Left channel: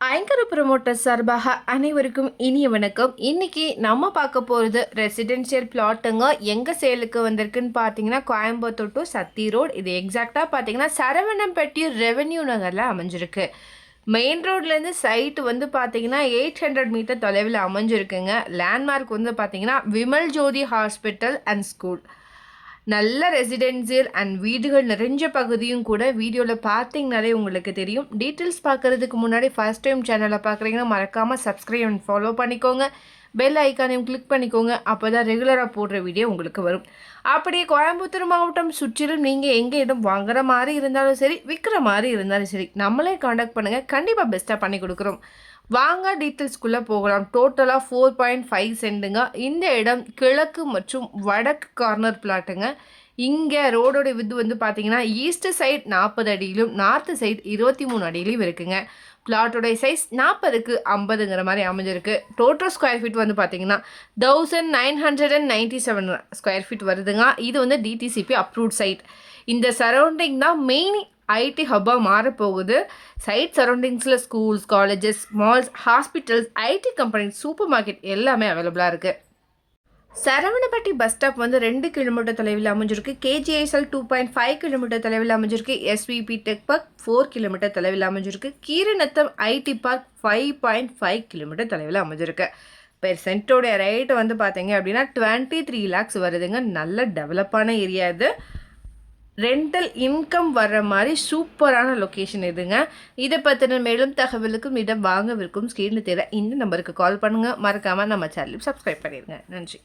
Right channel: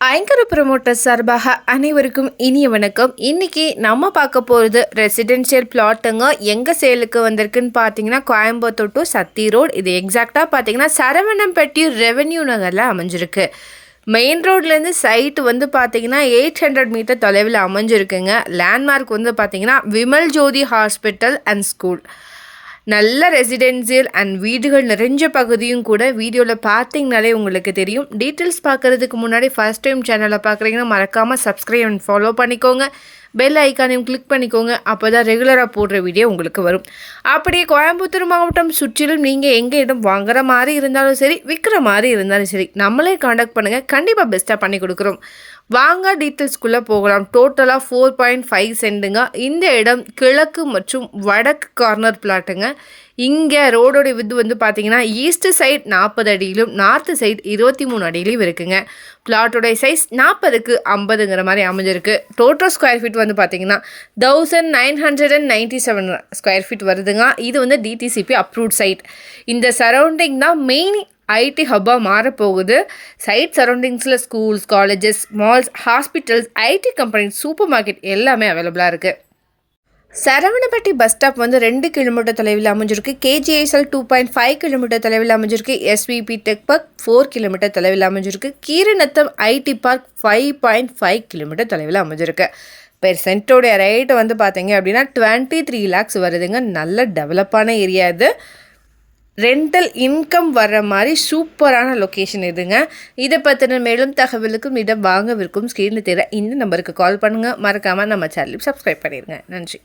Anchor promoter சார்பாக அனைவருக்கும் இனிய வணக்கம். இன்றைக்கி நம்ம பார்க்க போகிறது ரெசிடென்ஷியல் பிளாட்டுங்க. எங்கே சேலுக்கு வந்திருக்குன்னு பார்த்தீங்கன்னா கோயம்புத்தூர் டு சத்தி ரோடு. இது எக்ஸாக்டாக பார்த்தீங்கன்னா சரவணம்பட்டி ரெவென்யூ நகரில் அமைஞ்சிருக்கு. மெயின் ரோட்லேருந்து சைட்டு வந்து பார்த்தீங்கன்னா 800 மீட்டர் தொலைவில் அமைஞ்சிருக்குங்க. லேண்ட்மார்க் வந்து பார்த்தீங்கன்னா விமல் ஜோதி ஹாஸ்பிட்டல் அண்ட் ஸ்கூல். நல்ல ரெசிடென்சியல் அண்ட் வீடுகள் நிறைஞ்ச பகுதியும் கூட. வீடியோவில் பார்த்தீங்கனாலே உங்களுக்கு தெரியும். டீட்டெயில்ஸ் பார்க்குறதுக்கு முன்னாடி ஃபர்ஸ்ட் டைம் சேனலை பார்க்குறீங்கன்னா மறக்காமல் சப்ஸ்கிரைப் அண்ட் ஃபாலோ பண்ணிக்கோங்க. பெல் ஐக்கானையும் கிளிக் பண்ணிக்கோங்க. அப்போ தான் ரெகுலராக போடுற வீடியோ உங்களுக்கு வரும். அப்படியே கோயம்புத்தூர் மாவட்டம் சுற்றிலும் நீங்கள் எங்கே இடம் வாங்குற மாதிரி இருந்தாலும் சரி, விற்கிற மாதிரி இருந்தாலும் சரி, நம்மளே காண்டாக்ட் பண்ணுங்கள். கண்டிப்பாக பெஸ்ட்டாக பண்ணி கொடுக்குறோம். வாங்க டீட்டெயில்ஸ்குள்ளே போகலாம். டோட்டலாக 4.5 சென்ட்டுங்க. இந்த இடம் கிழக்கு மற்றும் வடக்கு கார்னர் பிளாட்டுங்க. இங்கே ரோடோட வித்து வந்து பார்த்தீங்கன்னா ஈஸ்ட் சைட் 40 அடியிலும் நார்த்து சைட் 23 அடியிலையும் இருக்குங்க. பிளாட்டோடைய சைஸ் 40க்கு 50ங்கிற மாதிரி அமைஞ்சிருக்கு. டோட்டல் ஸ்கொயர் ஃபீட் வந்து பார்த்தீங்கன்னா 1997 ஸ்கொயர் ஃபீட் வருதுங்க. இது வந்து டிடிசிபி அப்ரூவ்ட் சைட். இந்த சரௌண்டிங் தான் மெயின் ஐடி ஹப்பாக மாறப்போகுது. சைட் சரௌண்டிங்ஸில் schools, colleges, malls, hospitals, IT company, super market எல்லாமே அவைலபிளாக இருக்குது. சரவணப்பட்டி பஸ் ஸ்டாப் வந்து 2 கிலோமீட்டர் தொலைவில் அமைஞ்சிருக்கு. கேஜிஐஎஸ்எல் 2.5 கிலோமீட்டர் தொலைவில் அமைஞ்சிருக்கு. எஸ்விபி டெக் பார்க் 4 கிலோமீட்டர் தொலைவில் அமைஞ்சிருக்கு. கீரநத்தம் ஐடி பார்க் 5.5 கிலோமீட்டர் தொலைவில் அமைஞ்சிருக்கு. பெர் சென்ட்டோடைய ரேட்டு வந்து பார்த்தீங்க அப்படின்னா 23 lakhs வருதுங்க. நல்ல டெவலப்பான ஏரியா இது. ரெண்டல் இன்கம் வர்ற மாதிரி சூப்பரான லொக்கேஷன் இதுங்க. இதை பற்றின மேலும் தகவலுக்கும் இடம் வாங்கவிருக்கும் ஸ்க்ரீனில் தெரிய இந்த நம்பருக்கு கால் பண்ணுங்கள். மறக்காமல் நம்ம சேனலுக்கு சப்ஸ்கிரைப் பண்ணிடுங்க. நன்றி.